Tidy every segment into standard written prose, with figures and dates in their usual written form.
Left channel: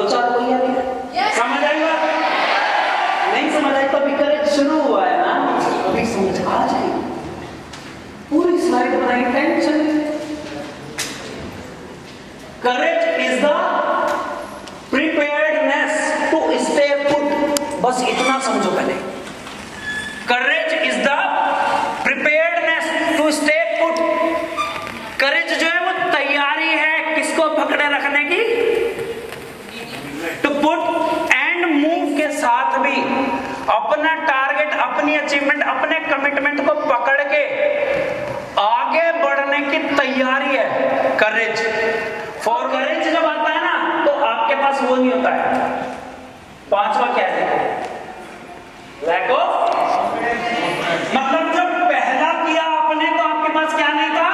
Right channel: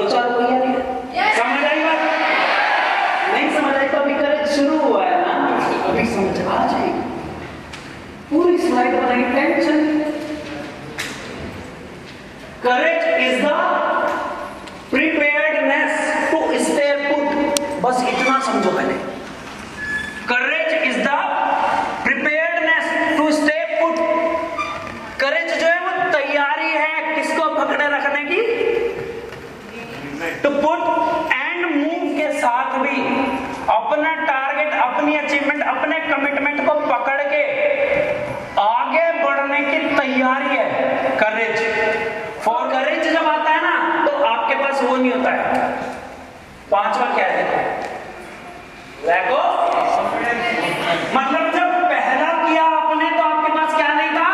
दो चार कोई यार समझ आई बात? नहीं समझ आई तो अभी करेज शुरू हुआ है ना, अभी समझ आ जाएगी। पूरी स्लाइड बनाएंगे, tension. Courage is the preparedness to stay put, बस इतना समझो पहले। Courage is the preparedness to stay put. Courage जो है वो तैयारी है किसको पकड़े रखने की, टू पुट एंड मूव के साथ भी अपना टारगेट, अपनी अचीवमेंट, अपने कमिटमेंट को पकड़ के आगे बढ़ने की तैयारी है करेज। फॉर करेज जब आता है ना तो आपके पास वो नहीं होता है। पांचवा क्या है देखो, लैक ऑफ, मतलब जब पहला किया आपने तो आपके पास क्या नहीं था,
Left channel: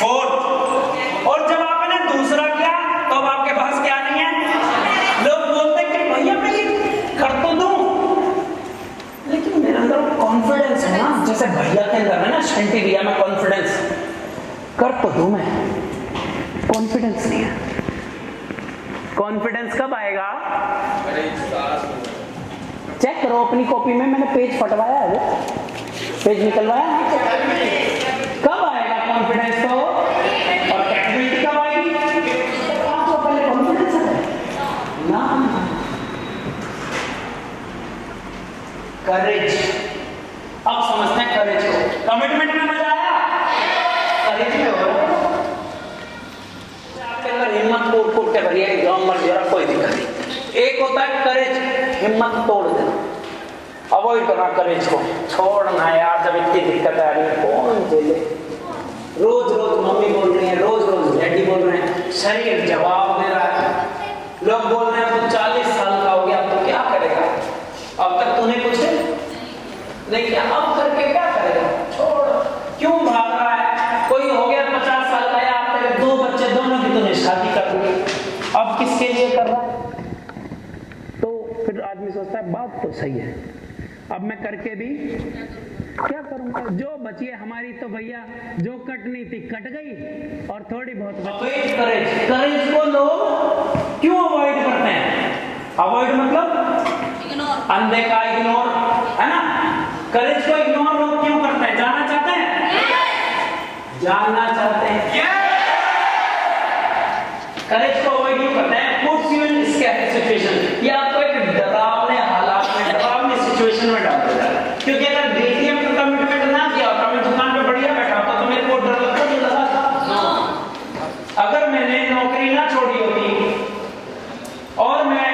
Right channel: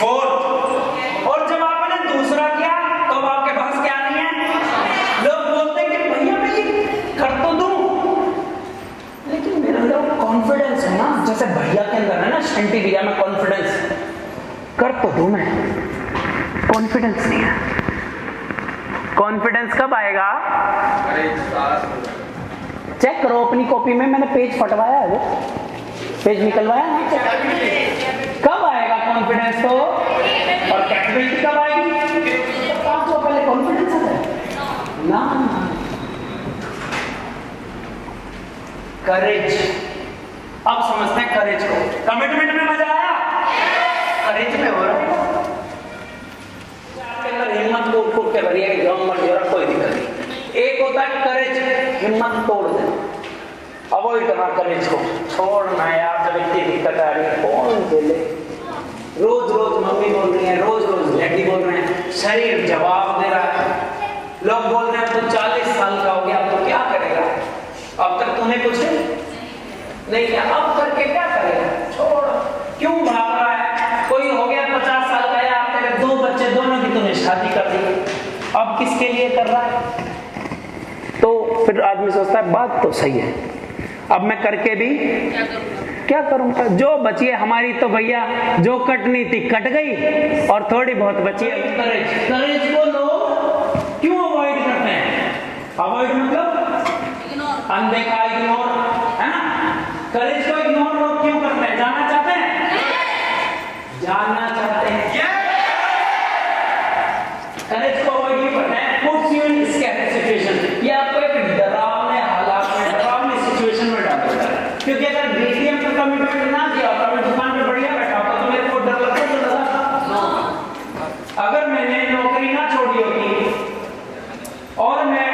फोर्थ, और जब आपने दूसरा किया तो अब आपके पास क्या नहीं है। लोग बोलते हैं कि भैया मैं ये कर तो दूं, लेकिन मेरे अंदर कॉन्फिडेंस है ना, जैसे भैया के अंदर है ना, शंटी भैया में कॉन्फिडेंस, कर तो दूं मैं, कॉन्फिडेंस नहीं है। कॉन्फिडेंस कब आएगा, चेक करो अपनी कॉपी में, मैंने पेज फटवाया है, वो पेज निकलवाया है, कब आएगा कॉन्फिडेंस तो, और कैपेबिलिटी कब आएगी, तो पहले कॉन्फिडेंस है ना। करेज, अब समझते हैं करेज को। कमिटमेंट में मजा आया, करेज में हो रहा है आपके अंदर हिम्मत कोट के भरी है, गाँव मर जा रहा, कोई दिक्कत नहीं। एक होता है करेज, हिम्मत तोड़ देना, अवॉइड करना करेज को, छोड़ना यार, जब इतनी दिक्कत आ रही है कौन बोले, रोज रोज मम्मी बोल रही है, रोज रोज डैडी बोल रहे हैं, शरीर जवाब दे रहा है, लोग बोल रहे हैं तो 40 साल का हो गया, अब तो क्या करेगा, अब तक तूने कुछ नहीं किया, अब करके क्या करेगा, छोड़, क्यों भाग रहा है, कोई हो गया 50 साल का, या तेरे 2 बच्चे, दोनों की तूने शादी कर दी, अब किसके लिए कर रहा है। तो फिर आदमी सोचता है बात तो सही है, अब मैं करके भी क्या करूंगा, जो बची है हमारी तो भैया, जो कटनी थी कट गई, और थोड़ी बहुत बची है। करेज, करेज को लोग क्यों अवॉइड करते हैं, अवॉइड मतलब अनदेखा, इग्नोर, है ना। करेज को इग्नोर लोग क्यों करते हैं, जानना चाहते हैं, जानना चाहते हैं क्या, करेज को अवॉइड क्यों करते हैं, puts you in scary situation, ये आपको एक डरावने हालात में, डरावनी सिचुएशन में डाल देता है। क्योंकि अगर देखिए अपना कमिटमेंट ना किया होता, मैं दुकान पे बढ़िया बैठा होता तो मेरे को डर लगता नहीं लगा। अगर मैंने नौकरी ना छोड़ी होती और मैं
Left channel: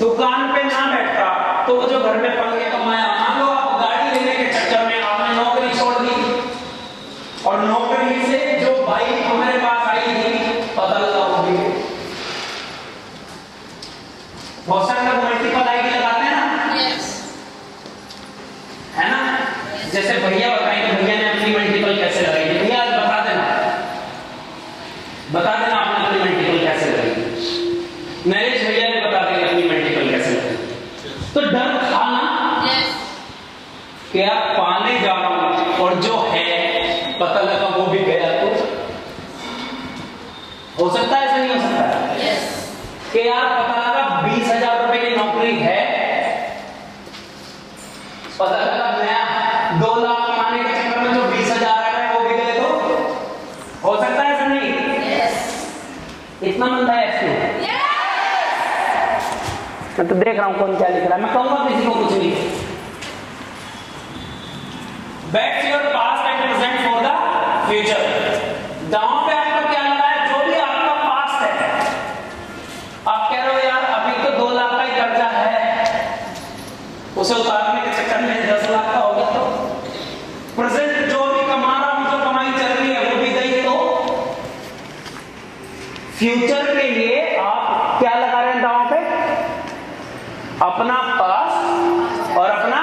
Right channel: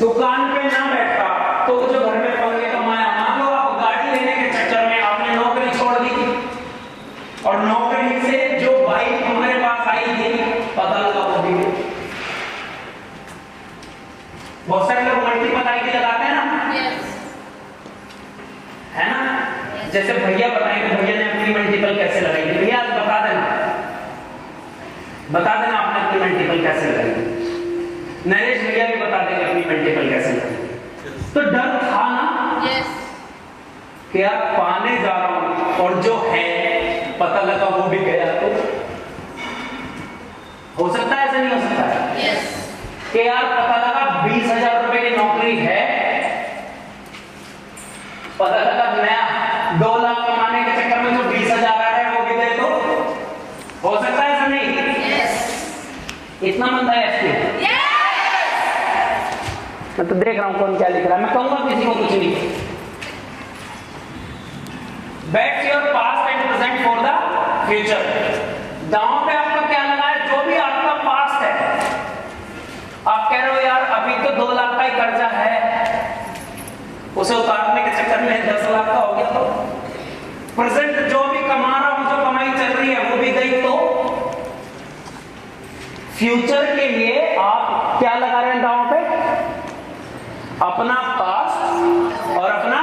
दुकान पे ना बैठता तो जो घर में पढ़ के कमाया, मान लो आप गाड़ी लेने के चक्कर में आपने नौकरी छोड़ दी, और नौकरी से जो बाइक हमारे पास आई थी पता लगा वो भी, बहुत सारे लोग मल्टीपल आईडी लगाते हैं ना, है ना, जैसे भैया बताएंगे भैया ने अपनी मल्टीपल कैसे लगाई थी, भैया बता देना आपने अपनी मल्टीपल कैसे लगाई, नरेश भैया भी बता देंगे अपनी मल्टीपल कैसे लगाई। तो डर था ना कि आप पाने जा रहा हूं और जो है पता लगा वो भी गया, तो हो सकता है, ऐसा नहीं हो सकता है कि यार पता लगा 20,000 रुपए की नौकरी है, पता लगा नया 2 लाख कमाने के चक्कर में जो 20,000 आ रहा है वो भी गए, तो हो सकता है, ऐसा नहीं, इतना मंदा है इसमें। मैं तो देख रहा हूं कौन क्या लिख रहा है, मैं कहूंगा किसी को कुछ नहीं। Bat your past and present for the future, दांव पे आपका क्या लगा है, जो भी आपका पास्ट है, आप कह रहे हो यार अभी तो 2 लाख का ही कर्जा है, उसे उतारने के चक्कर में 10 लाख का हो गया, तो प्रेजेंट जो भी कमा रहा हूं, जो कमाई चल रही है वो भी गई, तो फ्यूचर के लिए आप क्या लगा रहे हैं दांव पे, अपना पास्ट और अपना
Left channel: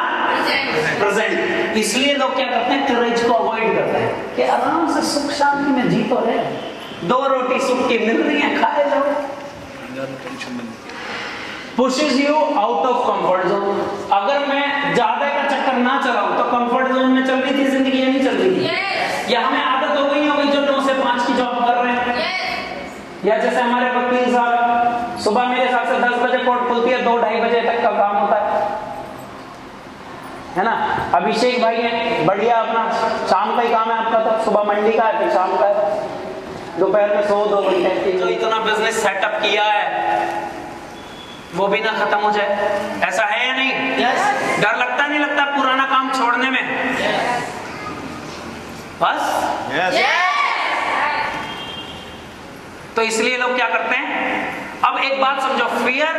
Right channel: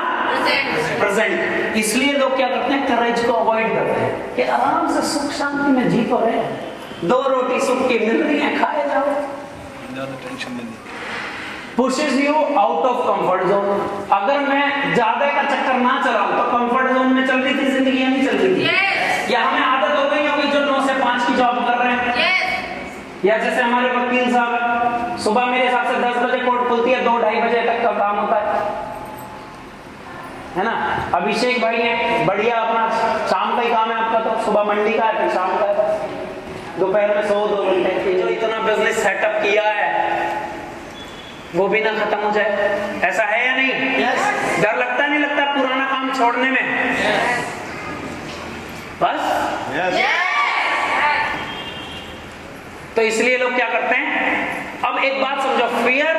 प्रेजेंट। इसलिए लोग क्या करते हैं, करेज को अवॉइड करते हैं कि आराम से सुख शांति में जी तो रहे, 2 रोटी सुख की मिल रही है, खाए जाओ। Pushes you out of comfort zone, अगर मैं ज्यादा का चक्कर ना चलाऊं तो कंफर्ट जोन में चल रही थी जिंदगी, नहीं चल रही थी, या हमें आदत हो गई होगी जो 9 से 5 की जॉब कर रहे हैं, या जैसे हमारे वकील साहब सुबह 2-2:30 बजे तक का काम होता है ना। अभिषेक भाई ने बढ़िया अपना शाम का ही काम है आपका, तो सुबह मंडी का है फिर शाम का है, दोपहर में 100-2 घंटे। जो इतना बिजनेस सेटअप किया है वो भी ना खत्म हो जाए, ऐसा है या नहीं? yes. डर लगता नहीं लगता पुराना काम छोड़ने में? yes. बस yes. तो इसलिए लोग क्या करते हैं, अब एक बात समझो, fear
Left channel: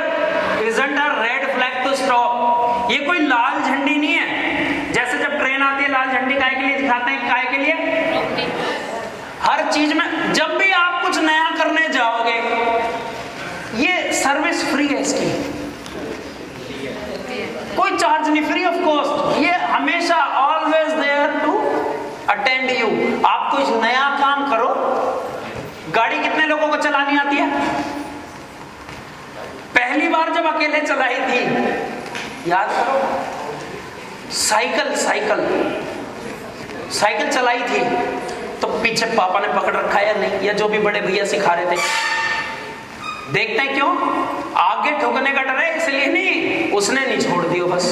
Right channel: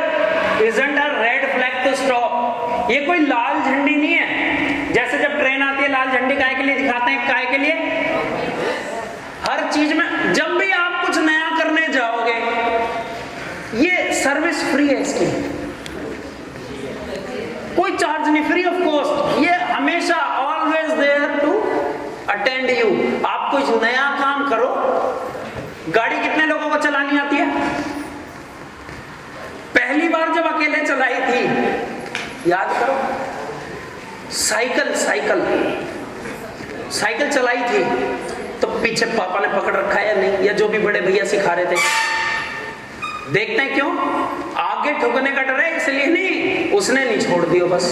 isn't a red flag to stop. ये कोई लाल झंडी नहीं है। जैसे जब ट्रेन आती है लाल झंडी काहे के लिए दिखाते हैं? काहे के लिए? हर चीज में जब भी आप कुछ नया करने जाओगे, ये सर्विस फ्री है, इसकी कोई चार्ज नहीं, फ्री ऑफ कॉस्ट। ये हमेशा always there to attend you. आप कुछ नया काम करो। गाड़ी कितने लोगों को चलानी आती है? पहली बार जब अकेले चलाई थी, याद करो, साइकिल चलाई थी तो पीछे पापा ने पकड़ रखा है या नहीं, या जो भी बड़े भैया सिखा रहे थे। देखते हैं क्यों? आगे ठुकने का डर है, इसलिए नहीं, उसने नहीं छोड़ दिया बस।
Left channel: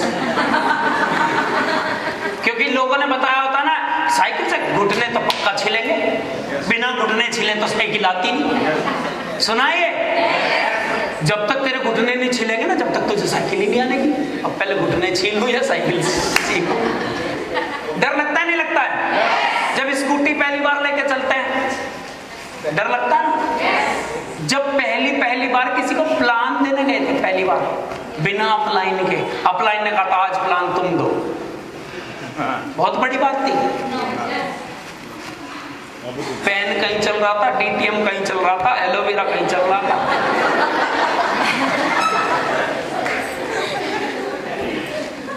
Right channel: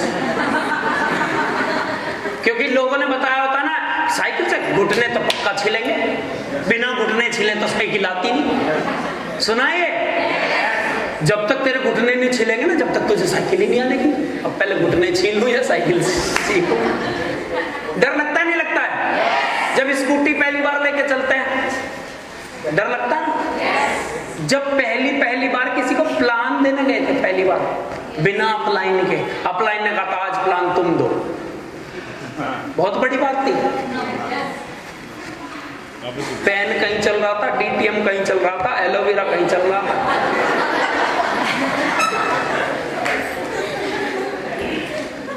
क्योंकि लोगों ने बताया होता ना, साइकिल से घुटने तो पक्का छिलेंगे, बिना घुटने छिले तो उसमें गिलाती नहीं। सुनाइए, जब तक तेरे घुटने नहीं छिलेंगे ना, जब तक तुझे साइकिल ही नहीं आएगी। अब पहले घुटने छीन लो या साइकिल सीखो। डर लगता नहीं लगता है? जब स्कूटी पहली बार लेके चलते हैं, डर लगता है? जब पहली बार किसी को प्लान देने गए थे, पहली बार बिना अप्लाइन के, अप्लाइन ने कहा आज प्लान तुम दो, बहुत बड़ी बात थी। पेन कहीं चल रहा था, डीटीएम कहीं चल रहा था, एलोवेरा कहीं चल रहा था।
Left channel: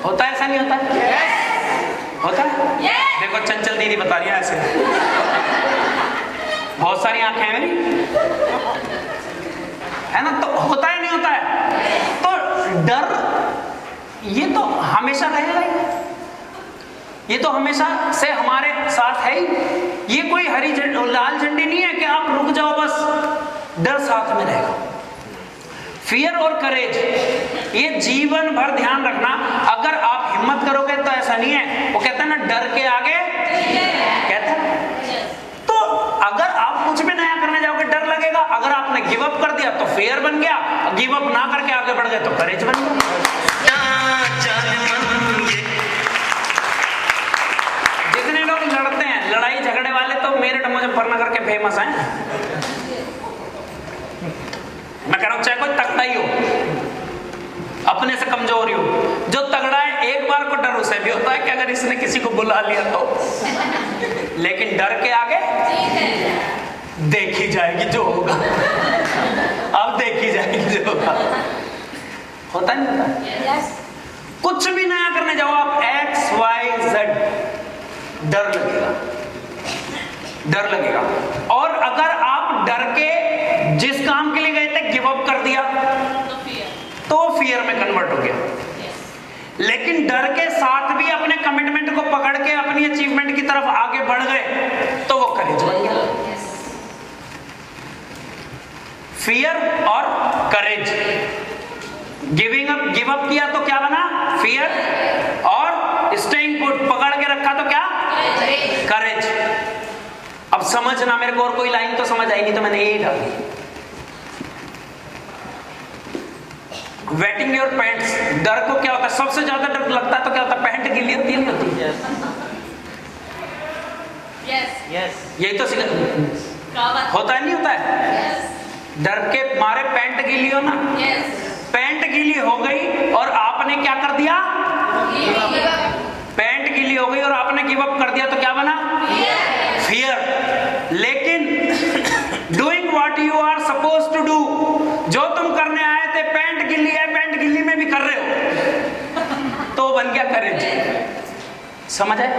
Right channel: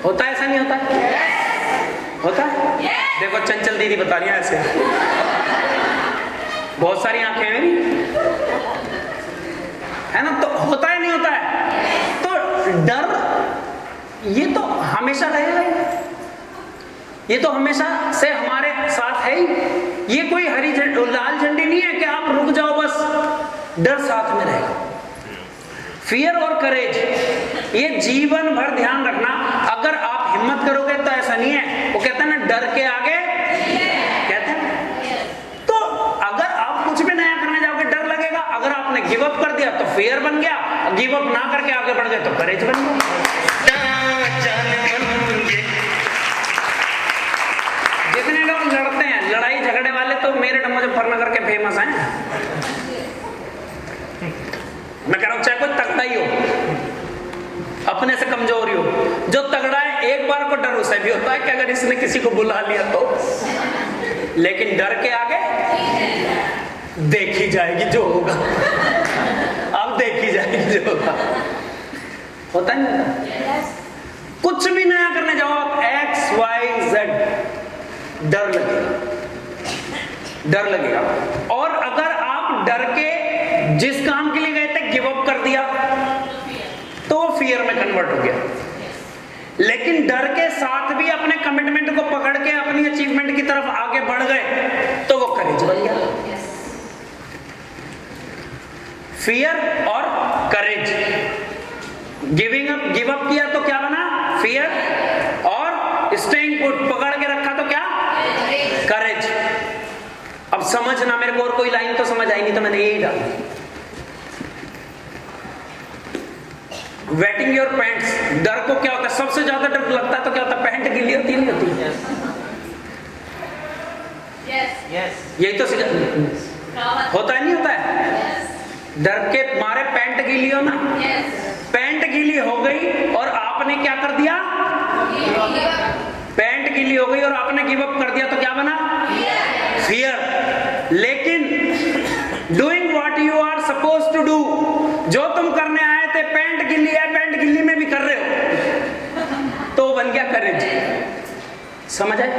होता है ऐसा नहीं होता? होता है? देखो चंचल दीदी बता रही है ऐसे, बहुत सारी आंखें हैं है ना, तो होता ही नहीं होता है। तो डर ये तो हमेशा रहेगा, ये तो हमेशा से हमारे साथ है ही। ये कोई हरी झंडी लाल झंडी नहीं है कि आप रुक जाओ बस, डर साथ में रहेगा। फियर और करेज, ये जीवन भर ध्यान रखना। अगर आप हिम्मत करोगे तो ऐसा नहीं है, वो कहते हैं ना, डर के आगे कहते हैं। तो अगर आप कुछ भी नया करने जाओगे डर लगेगा। अगर आपने गिव अप कर दिया तो फियर बन गया, गिव अप ना करके आगे बढ़ गए तो करेज बन गया। जितने लोग लड़ते हैं, लड़ाई झगड़े वाले, तो मेरठ मुजफ्फरनगर के फेमस हैं। मैं कह रहा हूं चाहे कोई तगड़ा ही हो, अपने से कमजोर ही हो, जो तगड़ा है एक बार को डर उसे भी होता है कि अगर इसने किसी को बुला लिया तो, लेकिन डर के आगे देखी जाएगी जो होगा। अब देखी जाएगी जो होगा। होता नहीं? कुछ भी नया करने जाओ आप, XYZ, डर लगेगा। और अगर आप डर के जिस काम के लिए गए थे गिव अप कर दिया तो फियर में कन्वर्ट हो गया। लेकिन डर के साथ भी अपने कमिटमेंट को पकड़ के अपनी अचीवमेंट की तरफ आगे बढ़ गए तो वो करेज बन गया। फियर और करेज। गिव अप किया तो क्या बना? फियर। और स्टेइंग पुट, पकड़ के रखा तो क्या? करेज। अब समझना, मेरे को और कोई लाइन तो समझ आई नहीं तो मैंने यही डाली। Waiting your pants. डर को क्या होता है? सबसे ज्यादा डर लगता है तो क्या होता है? पैंट गिल्ली होती है ना। यही तो होता है, नहीं होता है? डर के मारे पैंट गीली हो ना, पैंट गीली हो गई और आपने क्या कर दिया? पैंट गीली हो गई और आपने गिव अप कर दिया तो क्या बना? फियर। लेकिन doing what you are suppose to do, जो तुम करने आए थे, पैंट गिल्ली है, पैंट गिल्ली में भी कर रहे हो, तो बन गया करेज। समझ आए?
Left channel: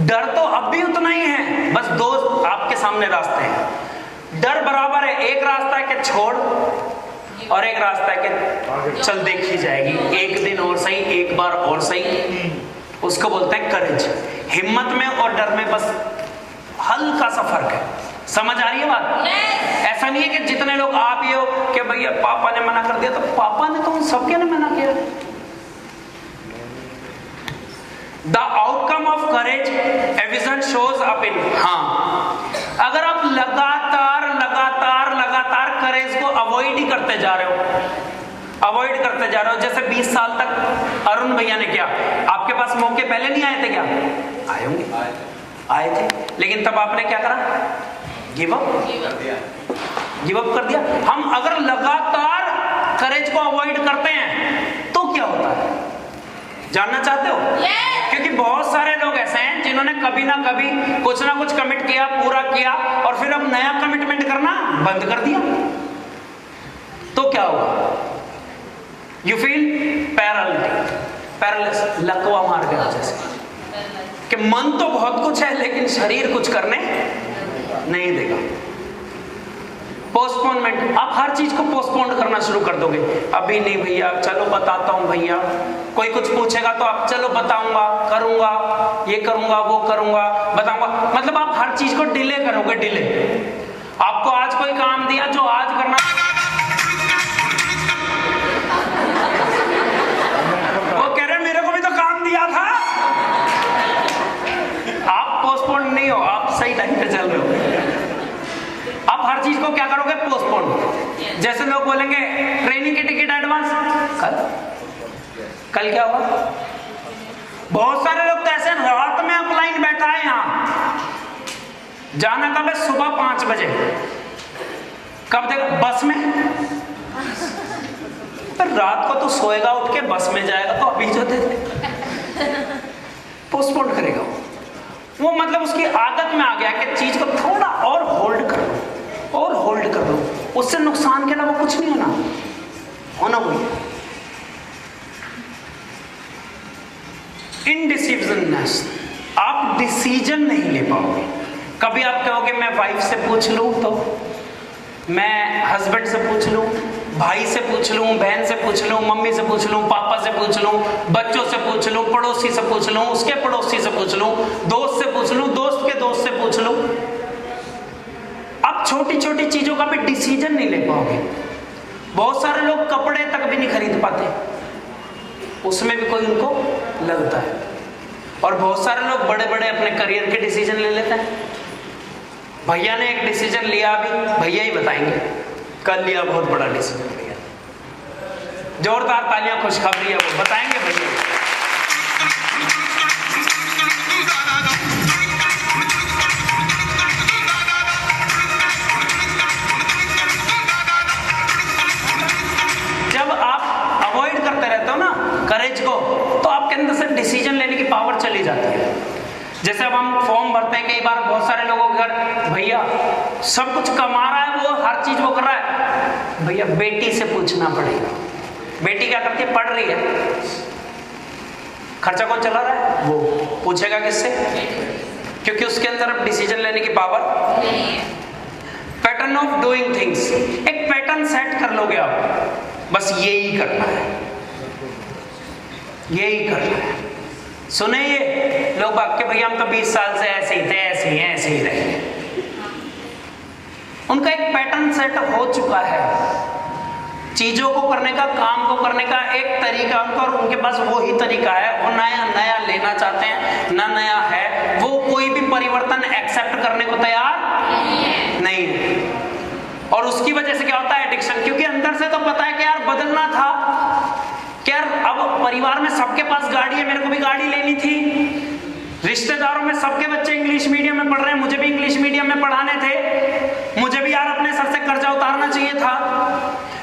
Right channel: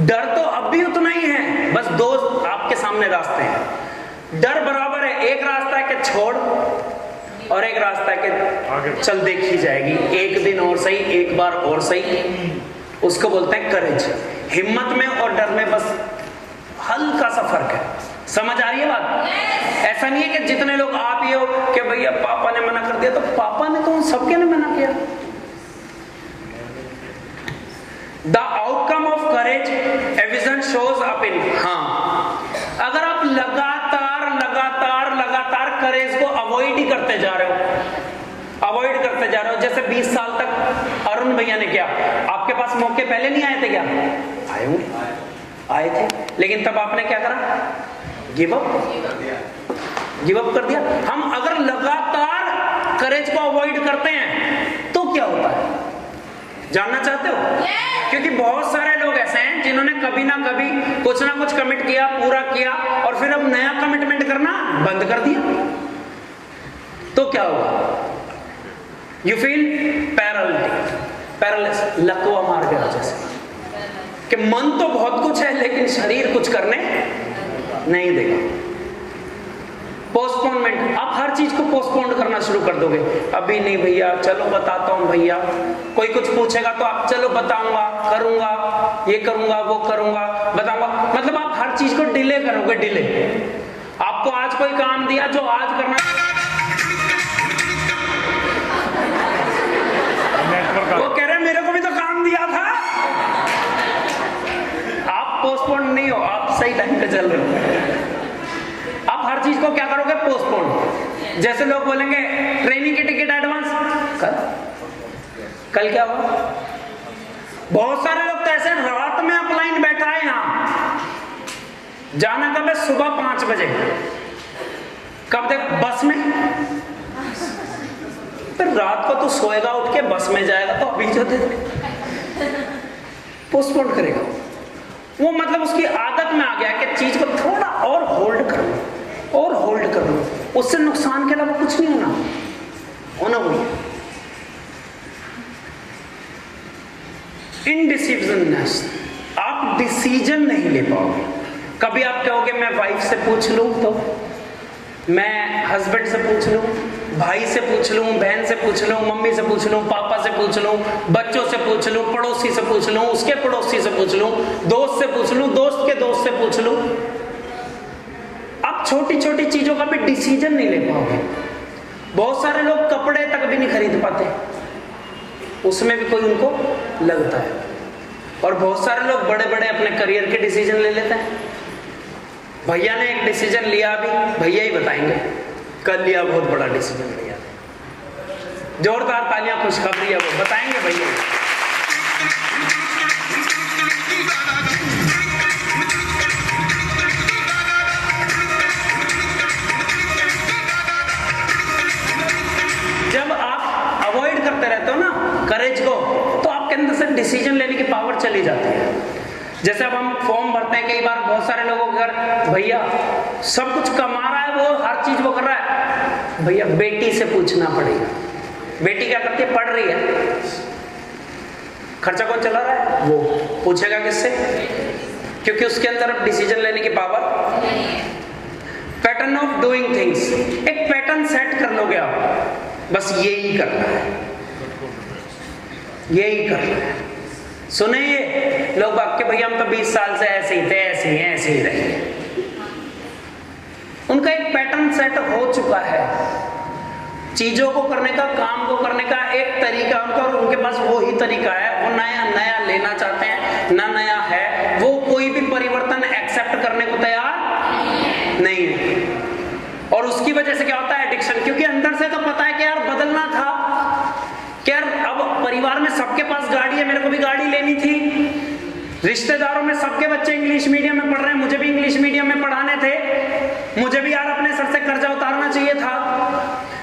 डर तो अब भी उतना ही है, बस दो आपके सामने रास्ते हैं। डर बराबर है, एक रास्ता है कि छोड़ और एक रास्ता है कि चल देखी जाएगी, एक दिन और सही, एक बार और सही, उसको बोलते हैं करेज। हिम्मत में और डर में बस हल्का सा फर्क है। समझ आ रही है बात? ऐसा नहीं है कि जितने लोग आप ये हो कि भैया पापा ने मना कर करते जा रहे हो, अवॉइड करते जा रहे हो। जैसे 20 साल तक अरुण भैया ने किया, आपके पास मौके पहले नहीं आए थे क्या? आए थे, लेकिन तब आपने क्या करा? गिव अप कर दिया। हम अगर लगातार करेज को अवॉइड करते हैं तो क्या होता है, जानना चाहते हो? क्योंकि बहुत सारे लोग ऐसे हैं जिन्होंने कभी ना कभी कुछ ना कुछ कमिट किया, पूरा किया, और फिर अब नया कमिटमेंट करना बंद कर दिया, तो क्या होगा? यू फील पैरालिस, लकवा मार गया जैसे कि मन तो बहुत कुछ है लेकिन शरीर कुछ करने नहीं देगा। पोस्टपोनमेंट, आप हर चीज को पोस्टपोन करना शुरू कर दोगे। अभी नहीं भैया, चलो बताता हूं भैया, कोई कुछ पूछेगा तो आप चलो बताऊंगा, करूंगा, ये करूंगा, वो करूंगा, बताऊंगा। मतलब आप हर चीज को डिले करोगे, डिले। आपको आज कोई काम दिया जो आज करना, वो कह रहे मेरे को भी तो काम दिया था। आप पोस्टपोन नहीं हो, आप सही टाइम पे चल रहे हो। आप हर चीज को क्या करोगे? पोस्टपोन। जैसे लोग बोलेंगे ट्रेनिंग की टिकट एडवांस कल क्या हुआ? बहुत सारे लोग तो ऐसे रात में अपलाइन बैठा है, यहां जाना कब है? सुबह 5 बजे। कब तक? बस में। फिर रात को तो सोएगा, उठ के बस में जाएगा, तो अभी जो दे पोस्टपोन करेगा वो। मतलब उसकी आदत में आ गया कि चीज को थोड़ा और होल्ड कर लो, और होल्ड कर लो, उससे नुकसान के अलावा कुछ नहीं होना बोलो। इनडिसिजननेस, आप डिसीजन नहीं ले पाओ। कभी आप कहोगे मैं वाइफ से पूछ लूं, तो मैं हस्बैंड से पूछ लूं, भाई से पूछ लूं, बहन से पूछ लूं, मम्मी से पूछ लूं, पापा से पूछ लूं, बच्चों से पूछ लूं, पड़ोसी से पूछ लूं, उसके पड़ोसी से पूछ लूं, दोस्त से पूछ लूं, दोस्त के दोस्त से पूछ लूं। आप छोटी छोटी चीजों का भी डिसीजन नहीं ले पाओगे। बहुत सारे लोग कपड़े तक भी नहीं खरीद पाते, उसमें भी कोई उनको लगता है। और बहुत सारे लोग बड़े बड़े अपने करियर के डिसीजन ले लेते हैं। भैया ने एक डिसीजन लिया, अभी भैया ही बताएंगे, कल लिया बहुत बड़ा डिसीजन भैया। जोरदार तालियां, खुशखबरी है, वो बताएंगे भैया। जब आप अवॉइड करते रहते हो ना करेज को, तो आपके अंदर से डिसीजन लेने की पावर चली जाती है। जैसे अब हम फॉर्म भरते हैं, कई बार बहुत सारे लोगों के घर भैया सब कुछ कमा रहा है, वो हर चीज वो कर रहा है, भैया बेटी से पूछना पड़ेगा। बेटी क्या करती है? पढ़ रही है, खर्चा कौन चला रहा है? वो पूछेगा किससे? क्योंकि उसके अंदर अब डिसीजन लेने की power. Pattern of doing things, एक पैटर्न सेट कर लोगे आप, बस यही करना है, यही करना है। सुने ये लोग आपके, भैया हम तो 20 साल से ऐसे ही थे, ऐसे ही रहे। उनका एक पैटर्न सेट हो चुका है, चीजों को करने का, काम को करने का एक तरीका उनका, और उनके पास वही तरीका है। वो नया लेना चाहते हैं, ना नया है, वो कोई भी परिवर्तन एक्सेप्ट करने को तैयार नहीं है। और उसकी वजह से क्या होता है? एडिक्शन। क्योंकि अंदर से तो पता है कि यार बदलना था, क्या अब परिवार में सबके पास गाड़ी है, मेरे को भी गाड़ी लेनी थी। रिश्तेदारों में सबके बच्चे इंग्लिश मीडियम में पढ़ रहे हैं, मुझे भी इंग्लिश मीडियम में पढ़ाने थे। मुझे भी यार अपने सर से कर्जा उतारना चाहिए था,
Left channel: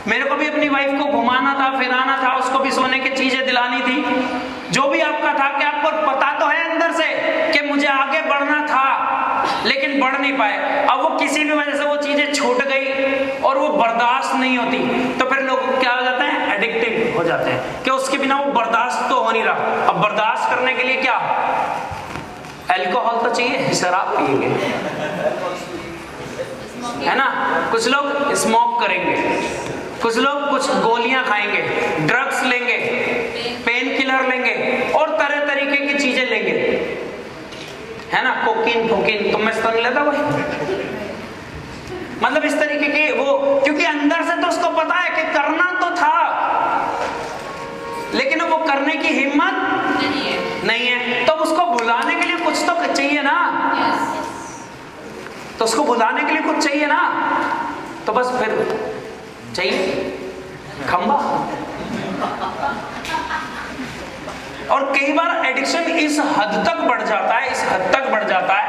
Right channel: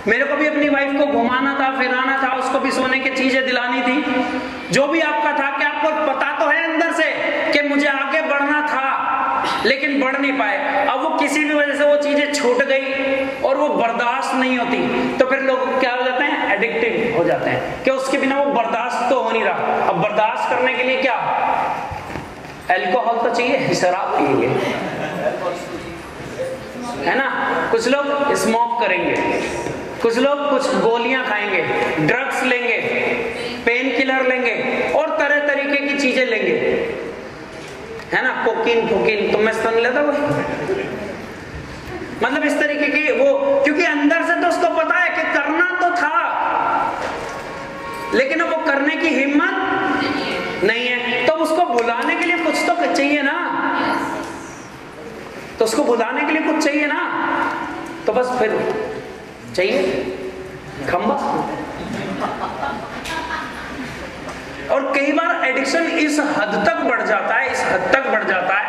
मेरे को भी अपनी वाइफ को घुमाना था, फिराना था, उसको भी सोने की चीजें दिलानी थी। जो भी आपका था, क्या आपको पता तो है अंदर से कि मुझे आगे बढ़ना था, लेकिन बढ़ नहीं पाए। अब वो किसी भी वजह से वो चीजें छूट गई और वो बर्दाश्त नहीं होती, तो फिर लोग क्या हो जाते हैं? एडिक्टिव हो जाते हैं कि उसके बिना वो बर्दाश्त तो हो नहीं रहा। अब बर्दाश्त करने के लिए क्या? अल्कोहल तो चाहिए, शराब पिएंगे, है ना? कुछ लोग स्मोक करेंगे, कुछ लोग कुछ गोलियां खाएंगे, ड्रग्स लेंगे, पेन किलर लेंगे, और तरह तरीके की चीजें लेंगे, है ना? कोकीन तुम में तो नहीं लेता कोई? मतलब इस तरीके की वो, क्योंकि अंदर से तो उसको पता है कि करना तो था, लेकिन वो करने की हिम्मत नहीं है। तो उसको भुलाने के लिए कुछ तो चाहिए ना, तो उसको भुलाने के लिए कुछ चाहिए ना, तो बस फिर चाहिए खंबा। और कई बार एडिक्शन इस हद तक बढ़ जाता है, इस हद तक बढ़ जाता है,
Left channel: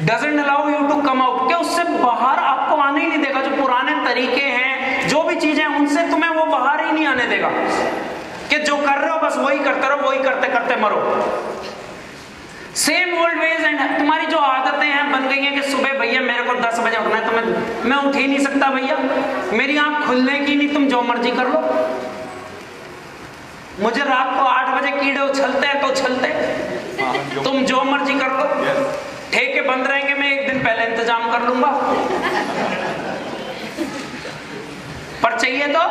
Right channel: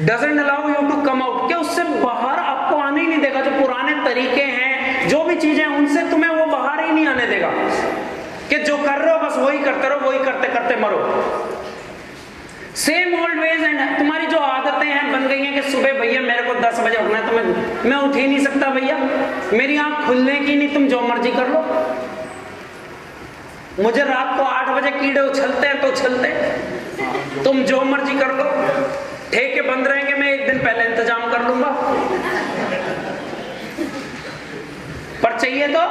doesn't allow you to come out, कि उससे बाहर आपको आने ही नहीं देगा। जो पुराने तरीके हैं, जो भी चीजें, उनसे तुम्हें वो बाहर ही नहीं आने देगा, कि जो कर रहे हो बस वही करते रहो, वही करते करते मरो। Same old veg. एंड तुम्हारी जो आदतें हैं बन गई हैं कि सुबह भैया मेरे को 10 बजे उठना है, तो मैं उठ ही नहीं सकता भैया, मेरी आंख खुलने की नहीं, तुम जो मर्जी कर लो। मुझे रात को 8 बजे कीड़े उछलते हैं तो उछलते, तुम जो मर्जी कर लो। ठेके बंद रहेंगे, मैं एक दिन पहले इंतजाम कर लूंगा, पर चाहिए तो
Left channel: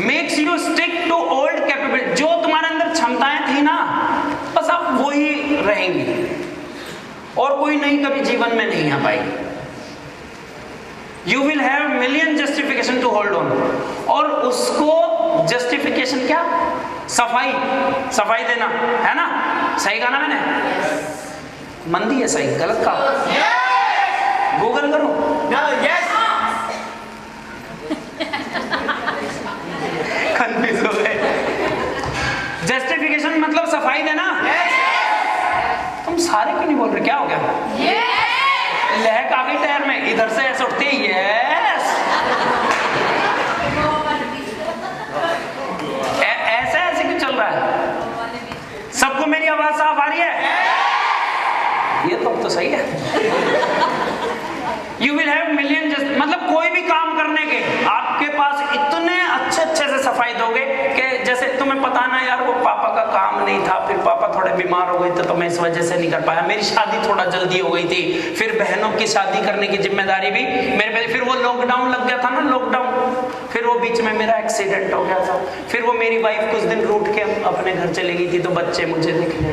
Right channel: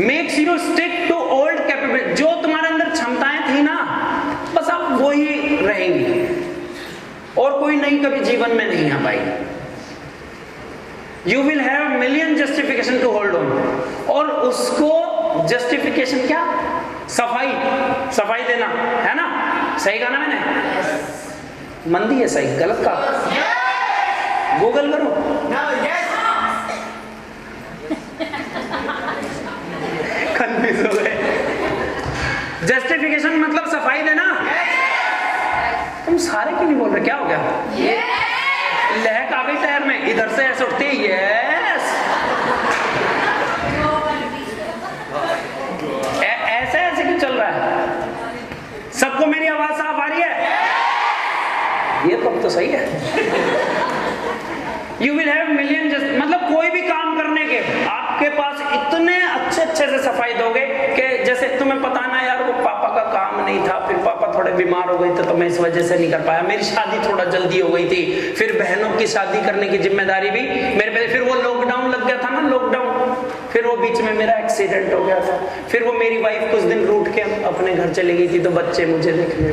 makes you stick to old capability. जो तुम्हारे अंदर क्षमताएं थी ना, बस अब वही रहेंगी और कोई नई कभी जीवन में नहीं आ पाएगी। You will have million justification to hold on, और उसको जस्टिफिकेशन क्या? सफाई देना है ना। सही कहा ना मैंने? मंदी है सही, गलत कहा? गूगल करो। कंफ्यूज हो गए। जस्टिफिकेशन मतलब सफाई देना। तुम सारे क्यों नहीं बोल रहे? क्या हो गया? लहक आ गई पैर में, इधर से ऐसे उठती है। यस, ऐसे क्यों चल रहा है? सबको मेरी आवाज साफ आ रही है? ये तो सही है। यू विल हैव मिलियन, मतलब कोई भी काम करने के आपके पास इतने अच्छे से सफाई दोगे कि जैसे तुम्हें पता ना यार वो पापा का काम नहीं था, फिर पापा थोड़े बीमार हो गए थे तो मैं इस वजह से नहीं कर पाया, मेरी शादी थोड़ा जल्दी हो गई थी, फिर बहनों की शादी करने की जिम्मेदारी भी मेरे पे, फिर वो लॉकडाउन लग गया था ना, लॉकडाउन, फिर वो बीच में मेरा एक्सीडेंट हो गया था, फिर वो मेरी वाइफ कुछ दिन रूठ के अपने घर चली गई थी तो बच्चे मुझे देखने,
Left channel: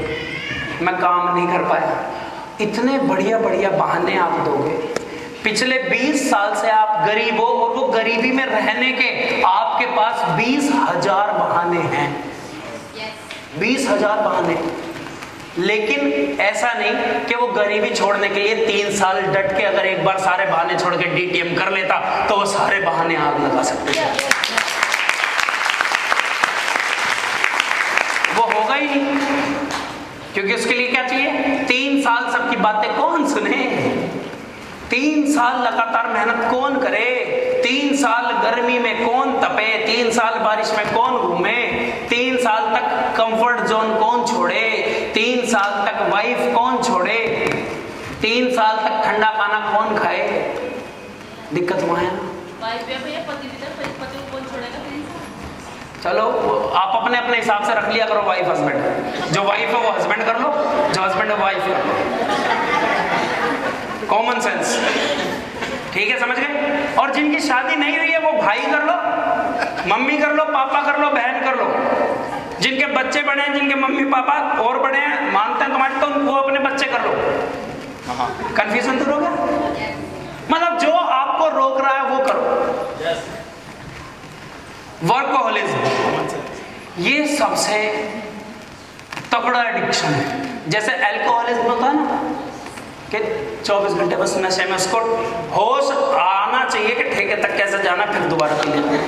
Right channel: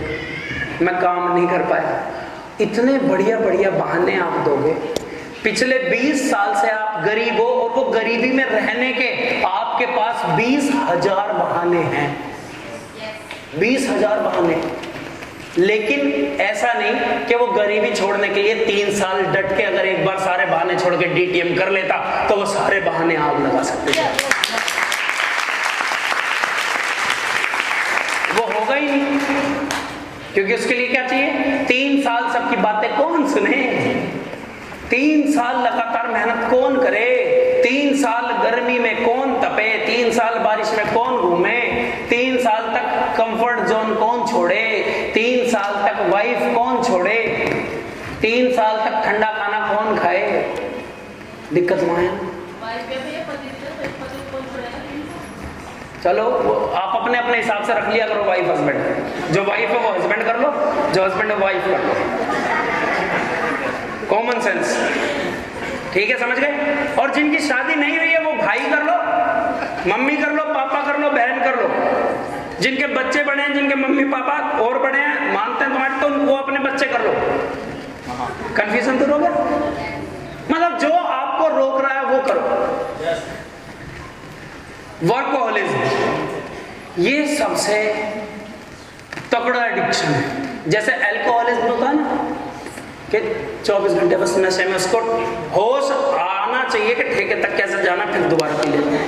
मैं काम नहीं कर पाया। इतने बढ़िया बहाने आप दोगे। पिछले 20 साल से आप गरीब हो और वो गरीबी में रहने के आपके पास 20,000 बहाने हैं। 20,000 बहाने। लेकिन ऐसा नहीं कि वो गरीबी छोड़ने के लिए 3 साल डट के अगर एक बार सारे बहाने छोड़ के डीटीएम कर लेता तो वो सारे बहाने आप लगा सकते हैं। वो होगा ही नहीं, क्योंकि उसके लिए क्या चाहिए? 3 साल सबकी बातें कौन सुने? 3 साल लगातार मेहनत कौन करे? 3 साल गर्मी में कौन तपे? 3 साल बारिश में कौन घूमे? 3 साल तक कंफर्ट जोन कौन छोड़े? 3 साल तक वाइफ कौन छोड़े? 3 साल तक ठंडा खाना कौन खाए? दिक्कत हुआ है। चलो आप अपने अपने हिसाब से रख लिया करो वाइफ हस्बैंड। जो वाइफ है वो हस्बैंड कर लो, जो हस्बैंड है वाइफ कर लो। कॉमन सेंस, ठीक है? समझ गए? और जिनकी शादी नहीं हुई है वो भाई कर लो, मम्मी कर लो, पापा कर लो, बहन कर लो। जिनके बच्चे बड़े हैं, जिनके मम्मी पापा और बड़े हैं, मानते हैं तुम्हारे, तो वो अपने बच्चे कर लो। कंफ्यूजन दूर हो गया? मतलब जो आपको रोक रहा है वो करो। वर्कोहॉलिज्म ये सबसे तगड़ा एडिक्शन है। जैसे अल्कोहलिज्म होता है ना कि 24 घंटे बस नशे में, उसको होश आना चाहिए कि ठेके तक कैसे जाना, फिर दोबारा कर लेंगे।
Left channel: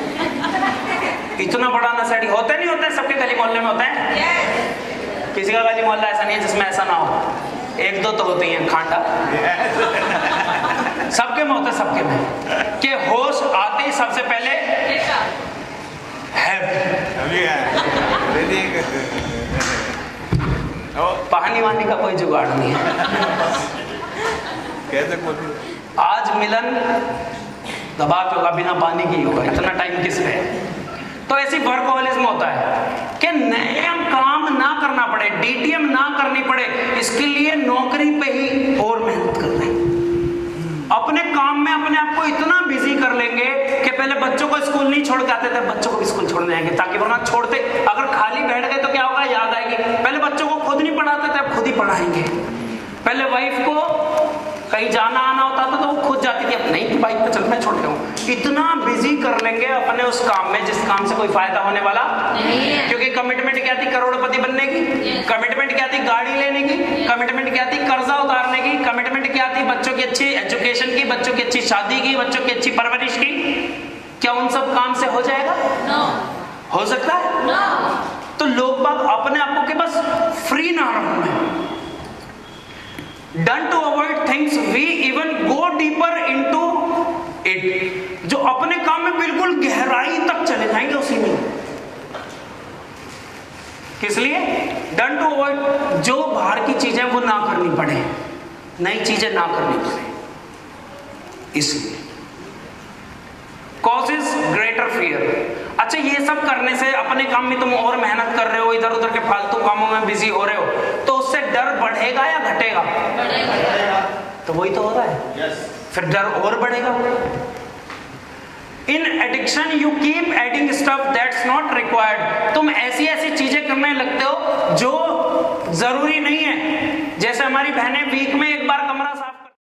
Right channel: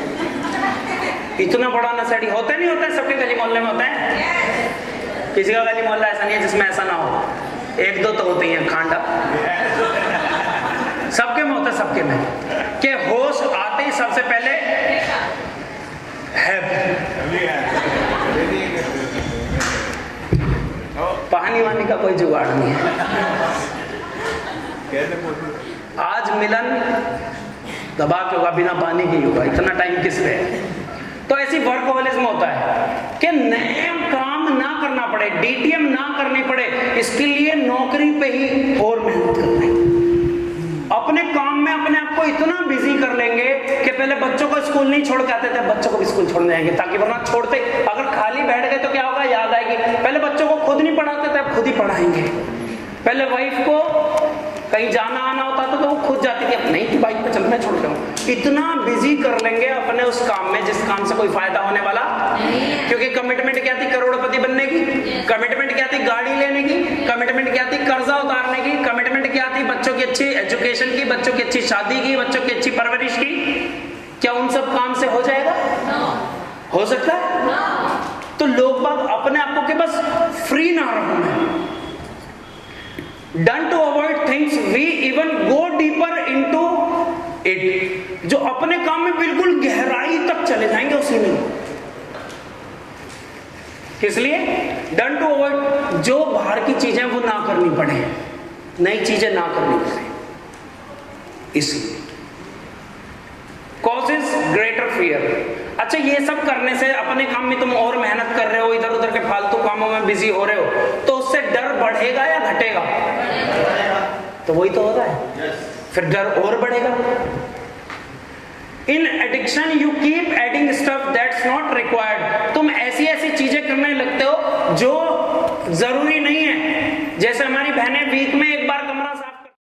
इतना बड़ा नशेड़ी होते नहीं होते, सबके गली मोहल्ले में होते हैं। किसी का गली मोहल्ला ऐसा नहीं है जिसमें ऐसा ना हो, 1-2 तो होते हैं खांडा, सबके में होता है, सबके में। कि होश आते ही सबसे पहले पानी वानी का कोई जुगाड़ नहीं है। आज मिलन दबा के होगा, बिना पानी के होगा, इतना टाइम किस पे? तो ऐसी वर्कोहॉलिज्म होता है कि नए काम ना करना पड़े, डीटीएम ना करनी पड़े, इसके लिए नौकरी पे ही और मेहनत करना है। अपने काम में अपने आप को इतना बिजी कर लेंगे कि पहले बच्चों को स्कूल नहीं छोड़ के आते थे, बच्चों को भी स्कूल छोड़ने जाएंगे, ताकि वो ना छोड़ते। अगर खाली बैठ गए तो क्या होगा? याद आएगी। पहले बच्चों को खुद नहीं पढ़ाते थे, अब खुद ही पढ़ाएंगे। पहले वाइफ को कहीं जाना आना होता था तो वो खुद जाती थी, अब नहीं कि बाइक पे चल मैं छोड़ दूं। इतना बिजी कर लेंगे अपने उस काम में जिस काम से कोई फायदा होने वाला नहीं है। क्योंकि कमिटमेंट क्या थी? करोड़पति बनने की। कमिटमेंट क्या थी? गाड़ी लेने की। कमिटमेंट क्या थी? कर्जा उतारने की। कमिटमेंट क्या थी? बच्चों की अच्छी एजुकेशन की, बच्चों की अच्छी शादी की, बच्चों की अच्छी परवरिश की। Done to avoid things we even go deeper into it, जो अपने काम में बिल्कुल गहराई तक चले जाएंगे उसी में। किस लिए? डन टू अवॉइड, जो बाहर की चीजें वो ना करनी पड़े, नई चीजें ना करनी पड़े, इसलिए कॉजेज ग्रेटर फियर। अच्छा, ये सब करने से अपने काम में तुम और मेहनत कर रहे हो, इधर उधर के फालतू कामों में बिजी हो रहे हो, तो उससे डर बढ़ेगा या घटेगा? तो वही तो होता है, फिर डर और बढ़ेगा। In addiction you keep adding stuff that's not required, तुम ऐसी ऐसी चीजें करने लगते हो जो जरूरी नहीं है। जैसे हमारी बहनें वीक में